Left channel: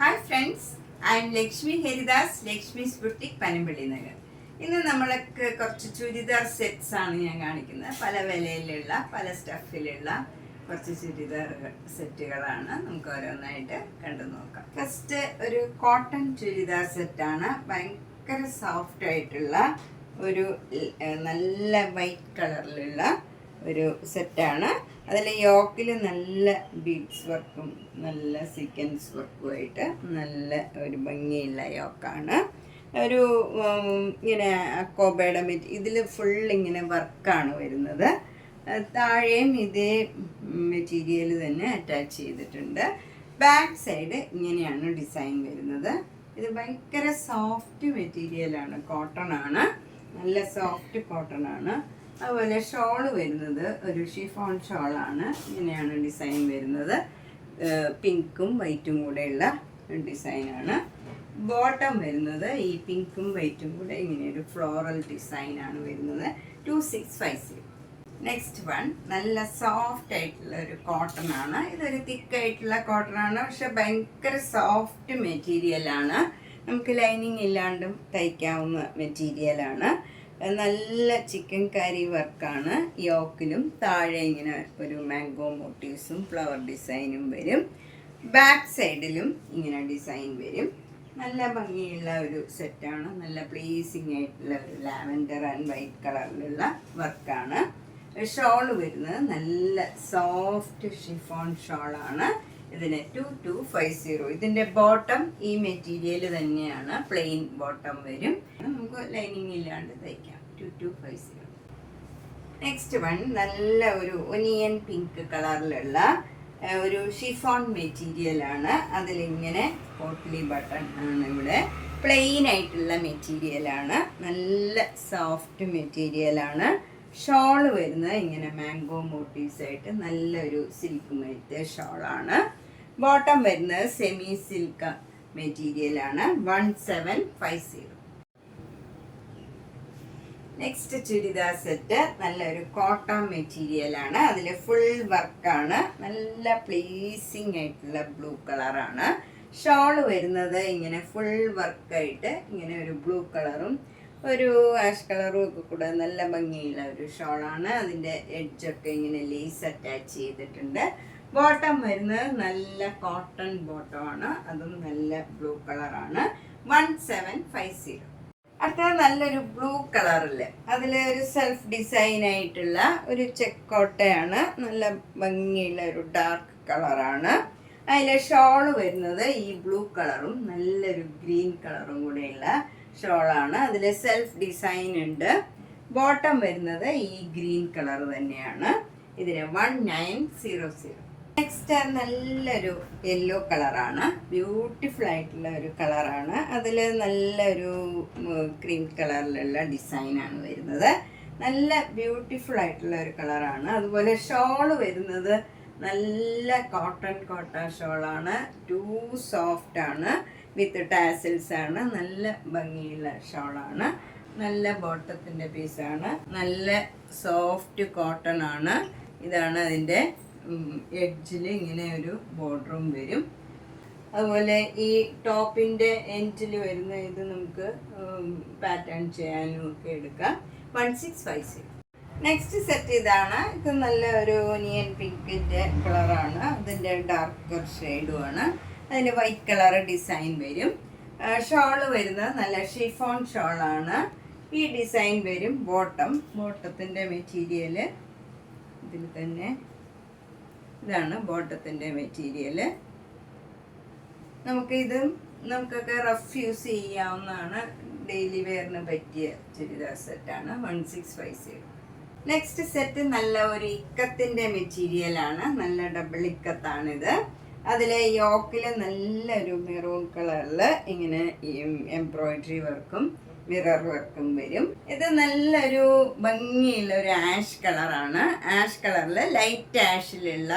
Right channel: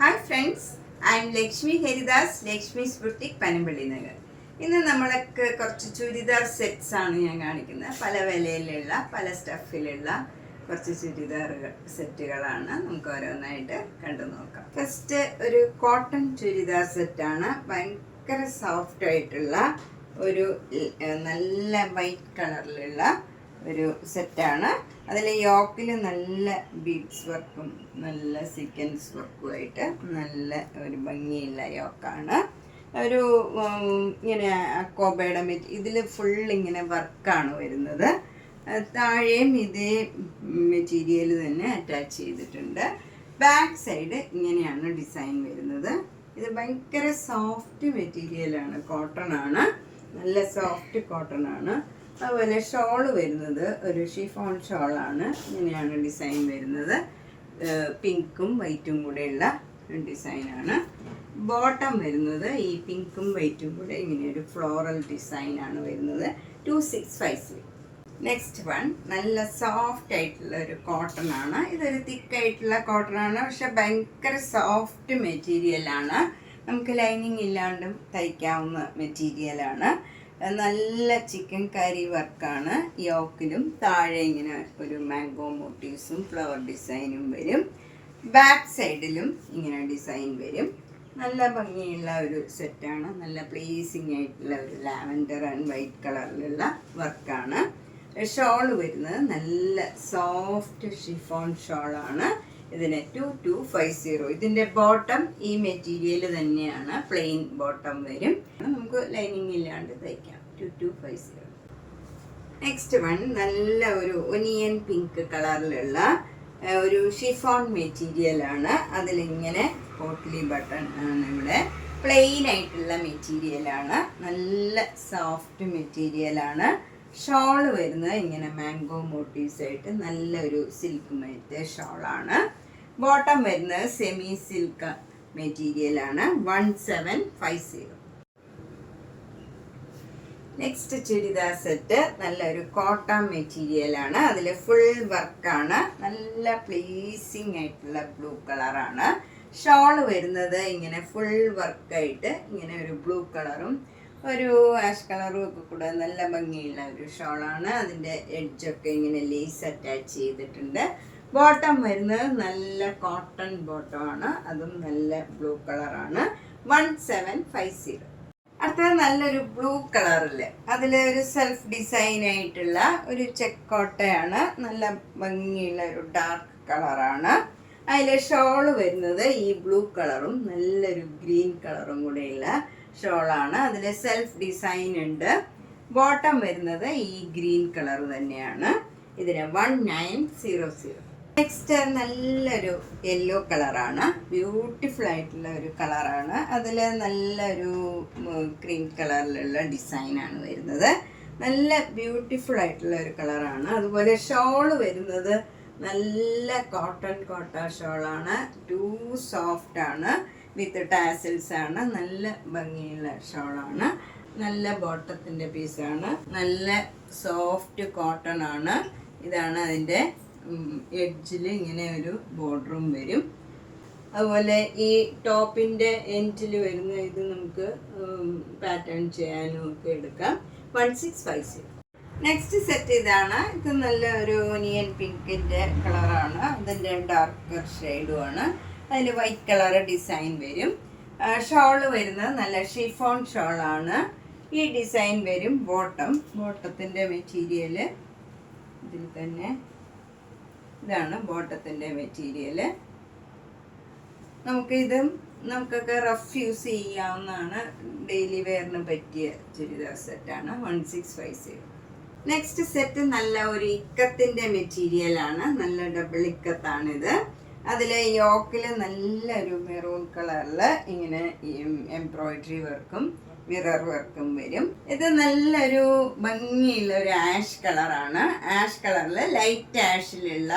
Hi friends, I M Lakshmi Haridas, Lakshmi's boutique, Panampilly Nagar. ഇന്ന് നമ്മൾക്ക് കുറച്ച് ചുരിദാർ സെറ്റ്സ് ആണ് ഞാൻ കാണിക്കുന്നത്. പല വിലയിലുള്ള പല സ്റ്റഫിലുള്ള കുറച്ച് ചുരിദാർ സെറ്റുകളാണ്. നമുക്ക് ഓരോന്നായിട്ട് കണ്ടു നോക്കാം. ഫസ്റ്റ് ഒരു കോട്ടൺ ചുരിദാർ സെറ്റാണ്. ഭയങ്കര സോഫ്റ്റ് ആയിട്ടുള്ള ഒരു നല്ല വൈറ്റ് കളറിലുള്ള ഒരു സെറ്റാണ്. അതിൽ യോക്കിൽ നല്ല ബീഡ്സ് വർക്കും നല്ല സീക്വൻസ് വർക്കുമായിട്ട് നല്ല ഒരു ഭംഗിയുള്ള യോക്കാണ്. ഒരു ഇങ്ങനെ അക്കോബയുടെ ഇതിൽ ഫുൾ ഇങ്ങനെ വർക്കാണ് വരുന്നത്. താഴെയും ഇതേ മെറ്റീരിയൽ തന്നെ അറ്റാച്ച് ചെയ്തിട്ടുണ്ട്. ബാക്ക് സൈഡ് ഇങ്ങനെയാണ് ഡിസൈൻ വരുന്നത്. ഇത് ഭയങ്കര സോഫ്റ്റ് മെറ്റീരിയലാണ്, കോട്ടൺ ആണ്, നല്ല സോഫ്റ്റ് കോട്ടൺ ആണ്. അതുപോലെ ഷോള് വരുന്നത് ഒരു ഷിഫോൺ ഷോളാണ്. ഇങ്ങനെയാണ് ഡിസൈൻ വരുന്നത്. പിങ്കും വൈറ്റും കൂടെയുള്ള ഡിസൈനാണ്. ബോട്ടം വരുന്നത് ഈ പിങ്കും വൈറ്റും കൂടെ ഇങ്ങനെ ഒരു ഫ്ലോറൽ ഡിസൈനാണ് വരുന്നത്. 2650. നെക്സ്റ്റ് വൺ നല്ല സോഫ്റ്റ് ആയിട്ടുള്ള ഒരു കോട്ടൺ ആണ്. ഇതൊരു തിക്കായിട്ടുള്ള കോട്ടൺ ആണ്, പക്ഷെ ഭയങ്കര സോഫ്റ്റ് മെറ്റീരിയലാണ്. നമുക്ക് ലൈനിങ് ഇല്ലാണ്ടും തയ്ക്കാവുന്ന മെറ്റീരിയലാണ്. നല്ല ചിക്കൻ കറി വർക്കാണ്. യോക്കിലും താഴെ ഇങ്ങനെ ഒരു മാംഗോ മോട്ടീവ്സും ഫ്ലവർ ഡിസൈനും വരും. ബാക്ക് സൈഡിലും ഇങ്ങനെ ഡിസൈൻ വരും. നല്ല ഭംഗിയുള്ള ഒരു സെറ്റാണ്. നല്ല പ്ലീസിങ് ആയിട്ടുള്ള ഒരു ലാവൻഡർ ആൻഡ് വൈറ്റ് കളറിലുള്ള വർക്കാണ്. ഷോൾ വരുന്നത് നല്ല സോഫ്റ്റ് ഷിഫോൺ ഷോളാണ്. ഇതിന് 2250. ഇതിൻ്റെ ബോട്ടം ഈ മെറ്റീരിയൽ തന്നെയാണ്, പ്ലെയിൻ ബോട്ടം വരും. നമുക്ക് ലൈനിങ് ഇല്ലാണ്ട് തയ്ക്കാം. 2250. നെക്സ്റ്റ് വൺ നല്ല ഒരു ഒനിയൻ പിങ്ക് കളറിലുള്ള ഒരു ഷിഫോൺ മെറ്റീരിയലാണ്. അതിലിങ്ങനെ പോട്ട്ലി ബട്ടൺ ആണ്. ഇവിടെ പ്ലെയിൻ ആയിട്ടുള്ള മെറ്റീരിയലാണ്, നല്ല സോഫ്റ്റ് മെറ്റീരിയലാണ്. ഷോള് വരുന്നത് ഇങ്ങനെ മാംഗോ മോട്ടീവ്സ് ആയിട്ട് നല്ലൊരു സിൽക്ക് മെറ്റീരിയൽ ഷോളാണ്. ബോട്ടം വരുന്നത് സെമി സിൽക്ക് മെറ്റീരിയലാണ്. 1750. നെക്സ്റ്റ് ചുരിദാർ സെറ്റ് നല്ലൊരു കോട്ടൺ മെറ്റീരിയലാണ്. അതിൽ ഫുൾ വർക്കാണ്. നല്ല പ്ലീസിങ് ആയിട്ടുള്ള ബ്ലൂ കളറാണ്. ഷോള് വരുന്നത് ഇങ്ങനെ ഫുൾ വർക്കായിട്ട് ഇങ്ങനെ ഒരു ബ്ലൂ കളറും ഒരു ആഷ് കളറും ഒക്കെ കൂടെ നല്ല ഭംഗിയുള്ള ഒരു ഷോളാണ്. അതിൻ്റെ എഡ്ജൊക്കെ ഇങ്ങനെ ലേസ് അറ്റാച്ച് ചെയ്തിട്ടുണ്ട്. ബോട്ടം വരുന്നത് നല്ല കോട്ടൺ ബോട്ടമാണ്. അതും നല്ല ബ്ലൂ കളറാണ്. 1750. അടുത്തത് നല്ലൊരു ബ്ലൂ കളറില് അതിലൊരു സെൽഫ് ഡിസൈൻ ആയിട്ടുള്ള ഒരു ചെക്കോട്ടയാണ്. നല്ല ഭംഗിയുള്ള ഒരു ഡാർക്ക് കളറാണ്. അതിലെ ഷോള് വരുന്നത് ഈ ബ്ലൂ കളറും നല്ലൊരു ഗ്രീൻ കളറും കൂടെയുള്ള ഷോളാണ്. അതിൽ സെൽഫ് ഡിസൈൻ ഉണ്ട്. ബോട്ടം വരുന്നത് ഈ ഗ്രീൻ കളർ തന്നെയാണ്. ഇതിന് 1900. നെക്സ്റ്റ് നല്ലൊരു യെല്ലോ കളറാണ്. ബ്യൂട്ടിഫുൾ ആയിട്ടുള്ള ഒരു കളറാണ്. അതിൽ നല്ലൊരു ക്രീം കളറിലുള്ള ഡിസൈനാണ് വരുന്നത്. നല്ല ബ്യൂട്ടിഫുൾ ആയിട്ടുള്ള ഒരു കളറാണ്. അതുപോലെ ഷോള് വരുന്നത് നല്ല കോട്ടൺ ഷോളാണ്. ടു സോഫ്റ്റ് ആണ്, വിത്ത് ടാസിൽസ് ആണ്. നല്ല ഭംഗിയുള്ള ഷോളാണ്. നല്ല ബോട്ടത്തിൻ്റെ പീസാണ്. നല്ല സോഫ്റ്റ് കോട്ടൺ ആണ്. ഇതാണ് അതിൻ്റെ എഡ്ജിൽ ഇങ്ങനെ ഒരു ബോർഡറും വരും. അതുപോലെ ഈ ടോപ്പിൻ്റെ എൻഡിൽ വരുന്ന ഇത് നമുക്ക് പാറ്റേൺ ചെയ്യാനും ഒക്കെ എടുക്കാം. 1650. നെക്സ്റ്റ് സെറ്റ് ഇതാണ്. ഇത് നല്ല ഒരു ഒനിയൻ പിങ്കിൻ്റെ കളറാണ്. അതിൻ്റെ ഡാർക്കർ ഷെയ്ഡുമാണ്. അതിൽ വൈറ്റ് കളർ ഡിസൈൻ വരും. ഷോള് വരുന്നത് നല്ല ഷിഫോൺ ഷോളാണ്. ഈ ഡിസൈൻ വരും. ബോട്ടത്തിൻ്റെ മെറ്റീരിയൽ ഇതിൽ തന്നെ. ഇതാണ് ബോട്ടത്തിൻ്റെ മെറ്റീരിയൽ. നമുക്കൊക്കെ റഫ് യൂസ് ചെയ്യാവുന്നതാണ്. ഡെയിലി വെയറിന് പറ്റിയ ചുരിദാർ സെറ്റാണ്. 1650. നെക്സ്റ്റ് സെറ്റ് നല്ല ഒരു ഇക്കത്തിൻ്റെ മെറ്റീരിയലാണ്. നല്ല ഡബിൾ ഇക്കത്താണിത്. അതിൽ യോക്കിൽ നല്ലൊരു മെറൂൺ കളറിൽ ഇങ്ങനെ എംബ്രോയിഡറി വർക്കും മിറർ വർക്കും വരും. ഇത് നല്ലൊരു ഭംഗിയുള്ള ഒരു ആഷ് കളറാണ്. ആഷ് കളറിൽ ലൈറ്റ് ആഷിലുള്ള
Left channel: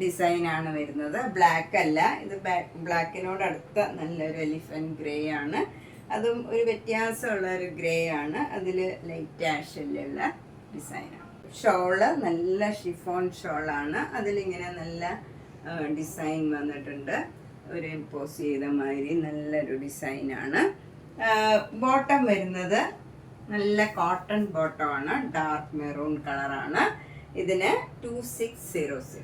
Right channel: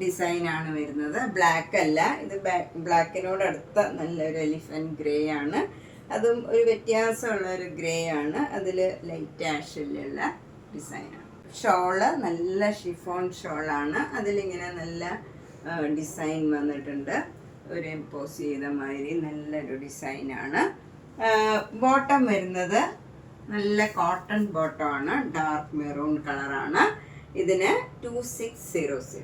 ഡിസൈനാണ് വരുന്നത്. ബ്ലാക്ക് അല്ല, ഇത് ബ്ലാക്കിനോടടുത്ത നല്ലൊരു എലിഫന്റ് ഗ്രേ ആണ്. അതും ഒരു വ്യത്യാസമുള്ള ഒരു ഗ്രേ ആണ്. അതിൽ ലൈറ്റ് ആഷിലുള്ള ഡിസൈനാണ്. ഷോള് നല്ല ഷിഫോൺ ഷോളാണ്. അതിലിങ്ങനെ നല്ല ഡിസൈൻ വന്നിട്ടുണ്ട്. ഒരു എംപോസ് ചെയ്ത മാതിരി നല്ലൊരു ഡിസൈനാണ്. ബോട്ടം വരുന്നത് നല്ല കോട്ടൺ ബോട്ടമാണ്, ഡാർക്ക് മെറൂൺ കളറാണ്. ഇതിന് 2600.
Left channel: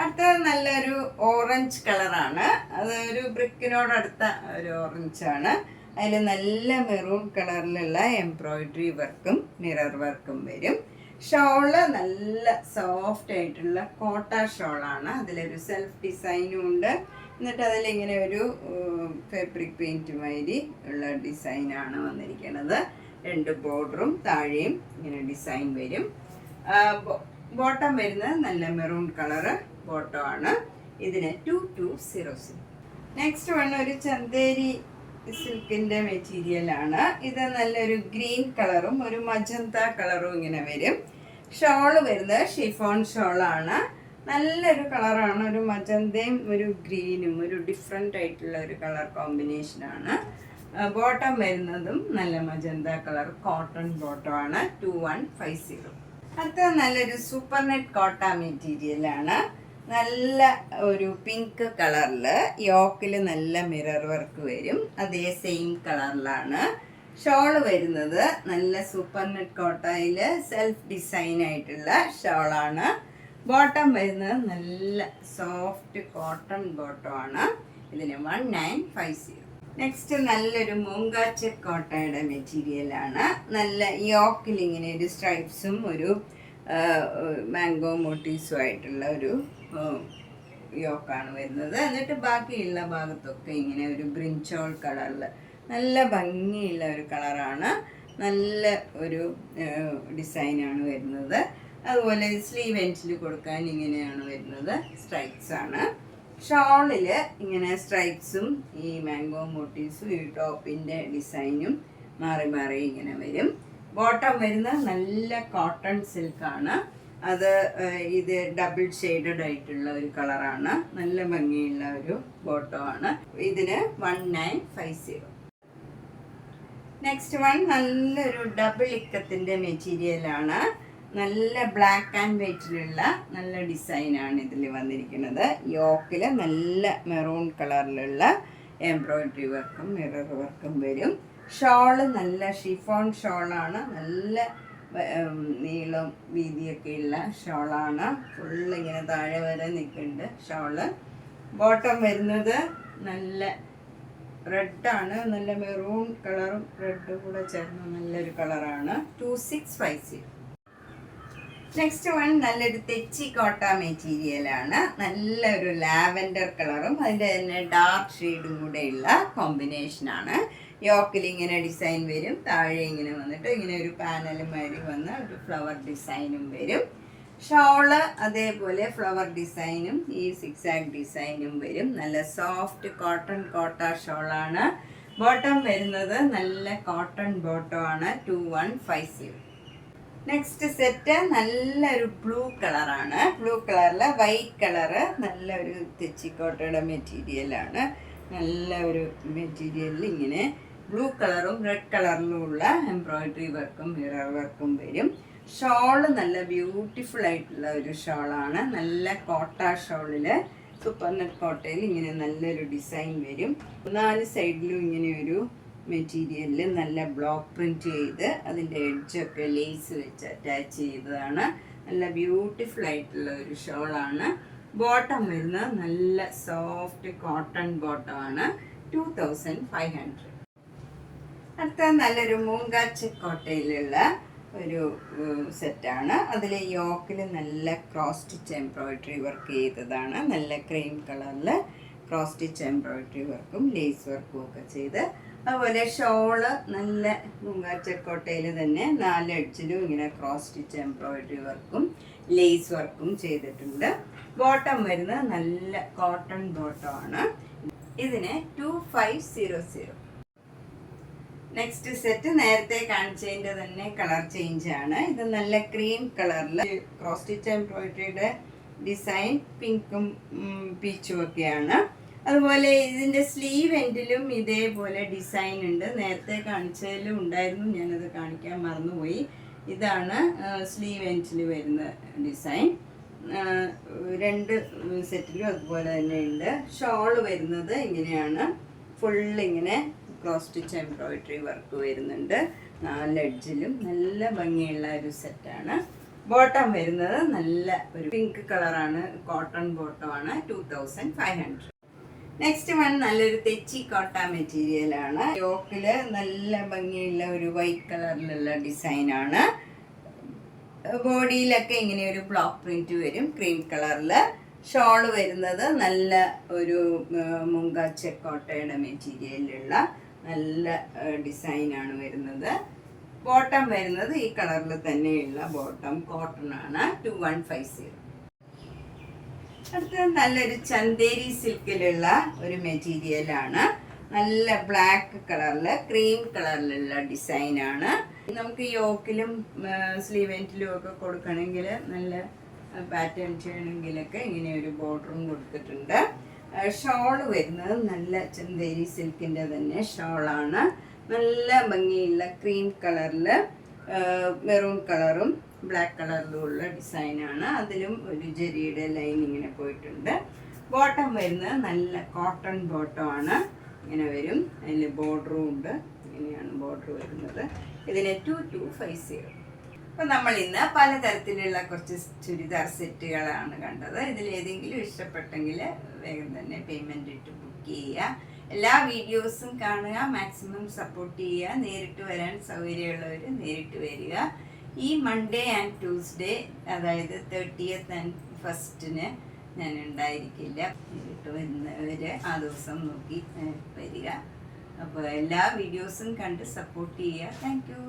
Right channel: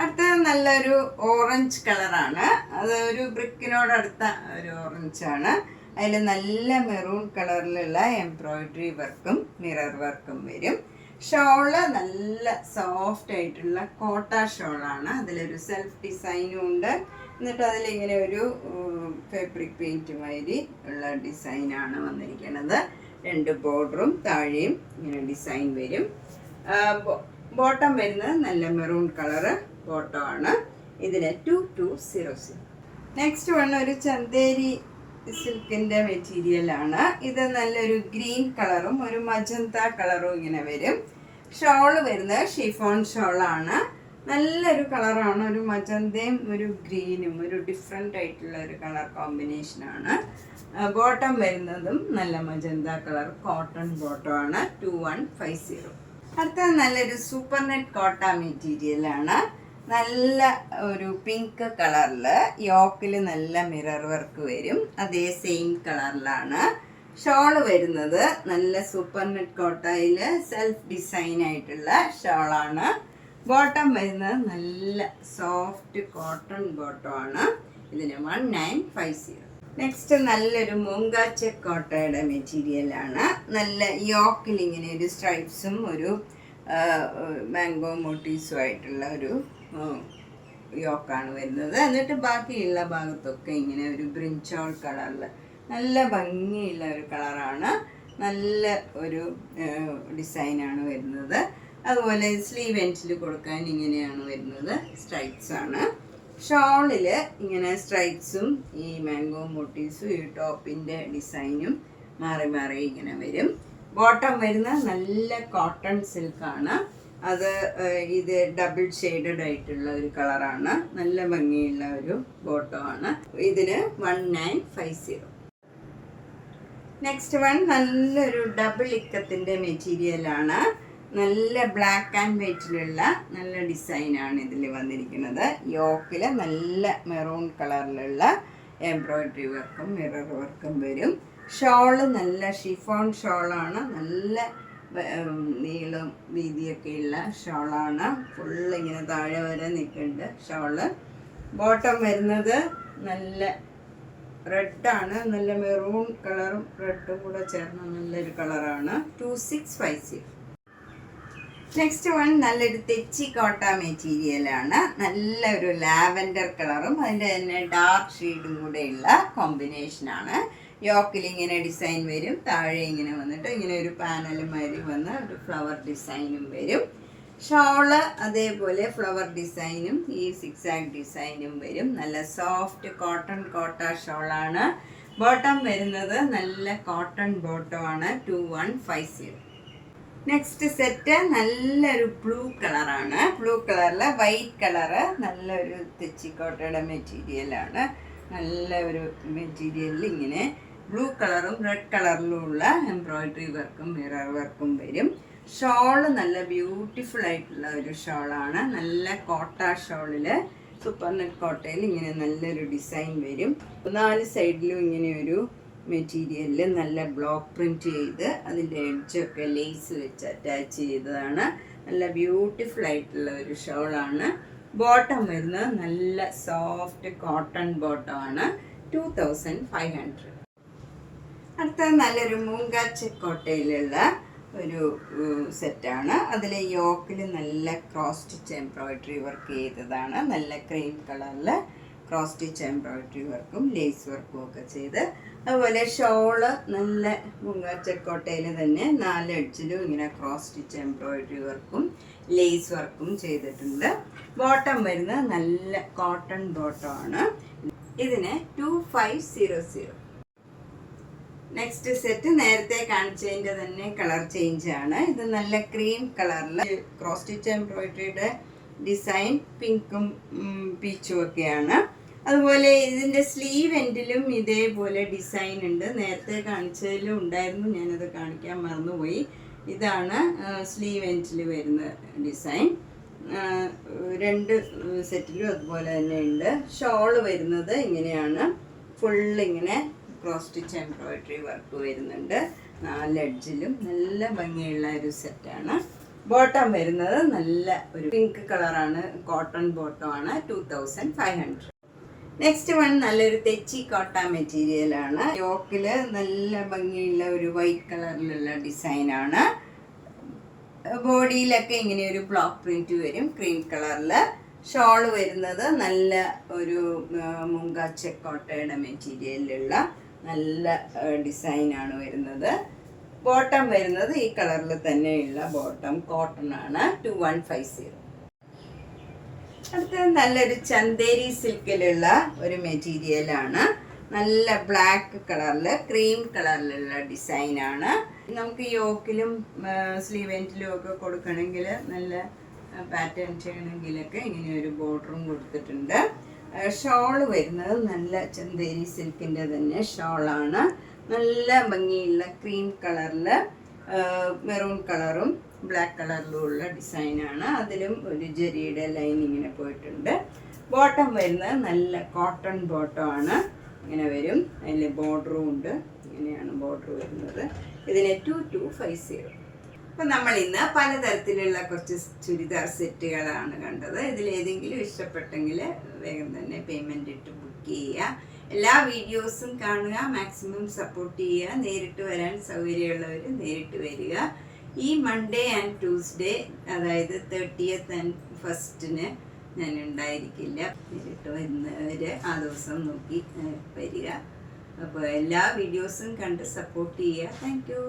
അടുത്തത് നല്ലൊരു ഓറഞ്ച് കളറാണ്. അത് ഒരു ബ്രിക്കിനോടടുത്ത ഒരു ഓറഞ്ചാണ്. അതിൽ നല്ല മെറൂൺ കളറിലുള്ള എംബ്രോയിഡറി വർക്കും മിറർ വർക്കും വരും. ഷോള് നല്ല സോഫ്റ്റ് ആയിട്ടുള്ള കോട്ട ഷോളാണ്. അതിലൊരു സെൽഫ് ഡിസൈനും ഉണ്ട്. എന്നിട്ട് അതിലിങ്ങനെ ഒരു ഫാബ്രിക് പെയിൻറ്റ് മാതിരി ഉള്ള ഡിസൈനാണ് വന്നിരിക്കുന്നത്. 2 ബോർഡറും താഴെയും ഇങ്ങനെ ഡിസൈൻ വരും. ബോട്ടം വരുന്നത് നല്ല മെറൂൺ കളറ് ബോട്ടം ആണ്. ഇതിന് 2200. നെക്സ്റ്റ് വൺ ഒരു ചന്തേരി സിൽക്കിൻ്റെ മെറ്റീരിയലാണ്. ഇത് നല്ലൊരു ഗ്രീൻ കളറും ഒരു മജന്ത കളറും ഇങ്ങനെ വരും. ഷോള് വരുന്നത് ഷിഫോൺ ഷോളാണ്. നല്ലൊരു കളറാണ്, ഒരു മജന്തയും ഒരു ഗ്രീനും ഒരു ഡിഫറെൻ്റ് ആയിട്ടുള്ള ഒരു കളർ കോമ്പിനേഷനാണ്. ബോട്ടം വരുന്നതും നല്ല മജന്ത കളർ കോട്ടൺ ബോട്ടമാണ്. 2150. അടുത്തത് നല്ലൊരു സൂപ്പർ നെറ്റ് കോട്ട മെറ്റീരിയലാണ്. നല്ല ഒരു പിങ്ക് കളറിൽ യോക്കിൽ നല്ല മിറർ വർക്ക് വരും. അതേ സെയിം കളറിലാണ്. ഷോള് വരുന്നത് നല്ല സൂപ്പർ നെറ്റ് കോട്ടയിൽ സെൽഫ് ഡിസൈൻ ആയിട്ടുള്ള ഷോളാണ്. ബോട്ടം വരുന്നത് നല്ല സോഫ്റ്റ് കോട്ടൺ ബോട്ടമാണ്. ഇതിന് 1950. നെക്സ്റ്റ് നല്ലൊരു മൂങ്കാച്ച കോട്ടയുടെ മെറ്റീരിയലാണ്. നല്ല യോക്കിൽ ഇങ്ങനെ ഒരു സ്ട്രൈപ്സും ഒരു മാംഗോ മോട്ടീവ്സും ആയിട്ടുള്ള ഒരു യോക്കാണ് വരുന്നത്. എന്നിട്ട് ബാക്കിയുള്ള ഭാഗത്തൊക്കെ ഇങ്ങനെ ഒരു ബ്രിഞ്ചോൾ കളറിൽ നല്ല ഭംഗിയുള്ള ഒരു കളറാണ്. നല്ല ഒരു ഡിസൈനാണ് വരുന്നത്. അതുപോലെ സ്ലീവ് എൻഡിൽ കൊടുക്കാൻ ഇങ്ങനെയാണ് വരുന്നത്, സ്ട്രൈപ്സ് ആണ്. ഷോളിൽ ഇങ്ങനെ സ്ട്രൈപ്സും ഈ മാംഗോ മോട്ടീവ്സും ഈ ടോപ്പിൻ്റെ ഡിസൈനും മാറി മാറി ഇങ്ങനെ വരും. ബോട്ടം വരുന്ന നല്ല കോട്ടൺ സിൽക്കാണ്. അത് ഇത് ഡബിൾ ഷെയ്ഡഡ് ആയിട്ടുള്ള ഒരു കളറാണ്. നല്ല ഭംഗിയുള്ള ഒരു ബോട്ടമാണ്. ഇതിന് 1950. നെക്സ്റ്റ് വൺ നല്ലൊരു ഡബിൾ ഇക്കത്തിൻ്റെ മെറ്റീരിയലാണ്. നല്ല ബ്ലാക്ക് ആൻഡ് വൈറ്റിലുള്ള നല്ല ഡിസൈനാണ് ഇതിൽ വന്നിരിക്കുന്നത്. യോക്കിൽ നല്ല മെറൂൺ കളറിലുള്ള എംബ്രോയിഡറി വർക്കും മിറർ വർക്കും വരും. ഷോള് നല്ല ഷിഫോൺ ഷോളാണ്. നല്ല നീളം വീതിയൊക്കെയുള്ള ഷോളാണ്. ഫുള്ള് ഇങ്ങനെ താഴെ വരെ നിൽക്കുന്നുണ്ട് ഷോള്. ബോട്ടം വരുന്നത് നല്ല റെഡാണ്. നല്ല മെറൂൺ കളറും റെഡും കൂടെ ചേർന്ന നല്ലൊരു കളറാണ്. 2650. നെക്സ്റ്റ് വൺ നല്ലൊരു തെച്ചി കോട്ട മെറ്റീരിയലാണ്. നല്ലൊരു ലാവൻഡർ കളറും അതിൻ്റെ തന്നെ ഡാർക്ക് ഷെയ്ഡും കൂടെയുള്ള കോമ്പിനേഷനാണ്. യോക്കിൽ ഇങ്ങനെ ഡിസൈൻ വരും. താഴെ ഇങ്ങനെ വന്നിട്ട് ഇങ്ങനെ ഒരു പാനൽ മാതിരി വന്ന് ഒരു ഫ്ലവർ ഡിസൈനും വരും. ഷോള് അതേപോലെ ഫ്ലവർ ഡിസൈനും ഈ സിക്സാഗ് ഡിസൈനും വരും. നല്ല സോഫ്റ്റ് കോട്ടൺ കോട്ട ഷോളാണ്. ബോട്ടം വരുന്നത് നല്ല കോട്ടൺ ബോട്ടമാണ്. 2150. നെക്സ്റ്റ് സെറ്റ് നല്ലൊരു ബ്ലൂ കളറാണ്. ബ്ലൂ കളറിൽ വൈറ്റ് കളറ് നല്ലൊരു തെച്ചിക്കോട്ടയുടെ മെറ്റീരിയലാണ്. നല്ല ഒരു മെറ്റീരിയലിൽ ഇങ്ങനെ ബ്ലൂ കളറും റെഡ് കളറിലും ഉള്ള എംബ്രോയിഡറി വർക്കും മിറർ വർക്കും വരും. ഷോള് നല്ല ബ്യൂട്ടിഫുൾ ആയിട്ടുള്ള ഒരു ഷോളാണ്. നല്ല കോട്ട ഷോളിൽ സൂപ്പർ നെറ്റ് കോട്ടയിൽ ഇങ്ങനെ നല്ലൊരു ഡിസൈൻ വരും. 4 സൈഡിലും ഇങ്ങനെ ഒരു മെറ്റീരിയലിൽ നല്ല ബ്ലോക്ക് പ്രിൻറ്റ് ചെയ്ത് അതിൻ്റെ എഡ്ജൊക്കെ ലേസ് വെച്ച് അറ്റാച്ച് ചെയ്തതാണ്. നല്ല ബ്യൂട്ടിഫുൾ ആയിട്ടുള്ള ഒരു ഷോളാണ്. ബോട്ടം വരുന്നത് നല്ല സോഫ്റ്റ് കോട്ടൺ ബോട്ടമാണ്. 2500. അടുത്ത നല്ലൊരു മൂങ്കാച്ച കോട്ടയിലുള്ള ഒരു സെറ്റാണ്. അതിൽ യോക്കിൽ നല്ല ക്രോസ് സ്റ്റിച്ച് എംബ്രോയിഡറി വർക്ക് ചെയ്തതാണ്. നല്ല ക്രീം കളറിൽ ക്രോസ് സ്റ്റിച്ച് എംബ്രോയിഡറി വർക്കും ലേസ് വർക്കും ഒക്കെ ചെയ്ത്. അതുപോലെ ഷോള് നല്ല മൂങ്കാച്ചക്കോട്ടയിൽ തന്നെ 4 എഡ്ജിലും ഇങ്ങനെ ക്രോസ് സ്റ്റിച്ച് എംബ്രോയിഡറി വർക്കും ലേസ് വർക്കും ചെയ്തിട്ടുണ്ട്. ബോട്ടം വരുന്നത് നല്ല കോട്ടൺ ബോട്ടമാണ്. ഇതിന് 2500. നെക്സ്റ്റ് സെറ്റ് നേരത്തെ കാണിച്ചതിൻ്റെ തന്നെ കളർ ചേഞ്ച് ആണ്. ഇത് നല്ല ക്രീം കളറിൽ ക്രോസ് സ്റ്റിച്ച് എംബ്രോയിഡറിയുടെ ഡിസൈൻ പിങ്കും പീച്ചും ഒക്കെയാണ്. അതുപോലെ ഇതിൻ്റെ സ്ലീവ് എൻഡിലും ഇതേപോലെ ഡിസൈൻ ഉണ്ട്. നേരത്തെ കാണിച്ചതിലും ഉണ്ടായിരുന്നു, ഞാനത് കാണിക്കാൻ മറന്നുപോയി. ഇതാണ് സ്ലീവ് എൻഡിൽ വരുന്ന ഡിസൈൻ. രണ്ട് സെറ്റിലും അതുപോലെ തന്നെ ഉണ്ട്. ഷോള് വരുന്നത് ഇങ്ങനെയാണ്, ഫുള്ളിങ്ങനെ ക്രോസ് സ്റ്റിച്ച് എംബ്രോയിഡറി വർക്ക് വരുന്നുണ്ട്. 4 എഡ്ജിലും നല്ല ഭംഗിയുള്ള ഒരു സെറ്റാണ്. ബോട്ടം വരുന്നത് നല്ല ഒരു പിങ്ക് കളറാണ്, കോട്ടൺ ബോട്ടമാണ്. 2500. നെക്സ്റ്റ് വൺ നല്ലൊരു തെച്ചി കോട്ട മെറ്റീരിയലാണ്. യോക്കില് നല്ല ഭംഗിയുള്ള ഒരു വൈറ്റ് കളറിലുള്ള ഡിസൈനാണ്. ബോഡിയിലൊക്കെ ഇങ്ങനെ ഒരു ബ്ലോക്ക് പ്രിന്റ് വരും ക്രീം കളറിൽ. ഷോള് വരുന്നത് നല്ല ഒരു മുങ്കാച്ച കോട്ടയുടെ മെറ്റീരിയലിലുള്ള നല്ല ഡിസൈനാണ് വരുന്നത്. ബോട്ടം വരുന്നത് ഈ കളറിൽ തന്നെയുള്ള ബോട്ടം, കോട്ടൺ ആണ്. 2150. അടുത്തത് നല്ലൊരു ചന്തേരി സിൽക്കിലുള്ള ഒരു മെറ്റീരിയലാണ്. നല്ല ബ്ലാക്ക് കളറിൽ ക്രീം കളറിലുള്ള ഡിസൈനാണ്. നമുക്ക് യോക്കിലും സ്ലീവ് എൻഡിലും ഒക്കെ കൊടുക്കണമെങ്കിൽ, നല്ല പാറ്റേൺ ചെയ്യണമെങ്കിലൊക്കെ ഇങ്ങനെ ഒരു ബോർഡറും കൊടുത്തിട്ടുണ്ട്. ഷോള് വരുന്നത് നല്ല ചന്തേരി സിൽക്കിൻ്റെ തന്നെ ഷോളാണ്. നല്ല ഭംഗിയുള്ള ക്രീം കളറിൽ മെറൂൺ കളറും ബ്ലാക്ക് കളറിലും ഉള്ള ഡിസൈനാണ്. അതിലും ഒരു ജെറിയുടെ ലൈൻ ഇങ്ങനെ പോയിട്ടുണ്ട്. ബോട്ടം വരുന്നത് നല്ല കോട്ടൺ ബോട്ടമാണ്. ഇങ്ങനെ വരും, അതിൽ ബോർഡറും ഉണ്ട്. ഇങ്ങനെയാണ് ബോർഡർ വരുന്നത്. ഇതിന് 2250. അപ്പം നമ്മൾ ഇന്ന് പലതരത്തിലുള്ള കുറച്ച് ചുരിദാർ സെറ്റുകളാണ് കണ്ടത്. ഇതിലേതെങ്കിലും ഇഷ്ടപ്പെട്ടെങ്കിൽ വേഗം തന്നെ പേയ്മെൻ്റ് ഇട്ട് ബുക്ക് ചെയ്യുക. എല്ലാ വീഡിയോസും കാണുക, മാക്സിമം സപ്പോർട്ട് ചെയ്യുക. നേരിട്ട് വരാൻ സൗകര്യമുള്ളവർ നേരിട്ട് വരിക. ഈ മൺഡേ ആൻഡ് ട്യൂസ്ഡേ, അതായത് 30th and 1st ഞാൻ ഉണ്ടായിരിക്കില്ല. നേരിട്ട് വരുന്നവർ ആ ദിവസം നോക്കി വരിക. അപ്പോൾ എല്ലാ വീഡിയോസും കണ്ട് സപ്പോർട്ട് ചെയ്യുക. Thank you.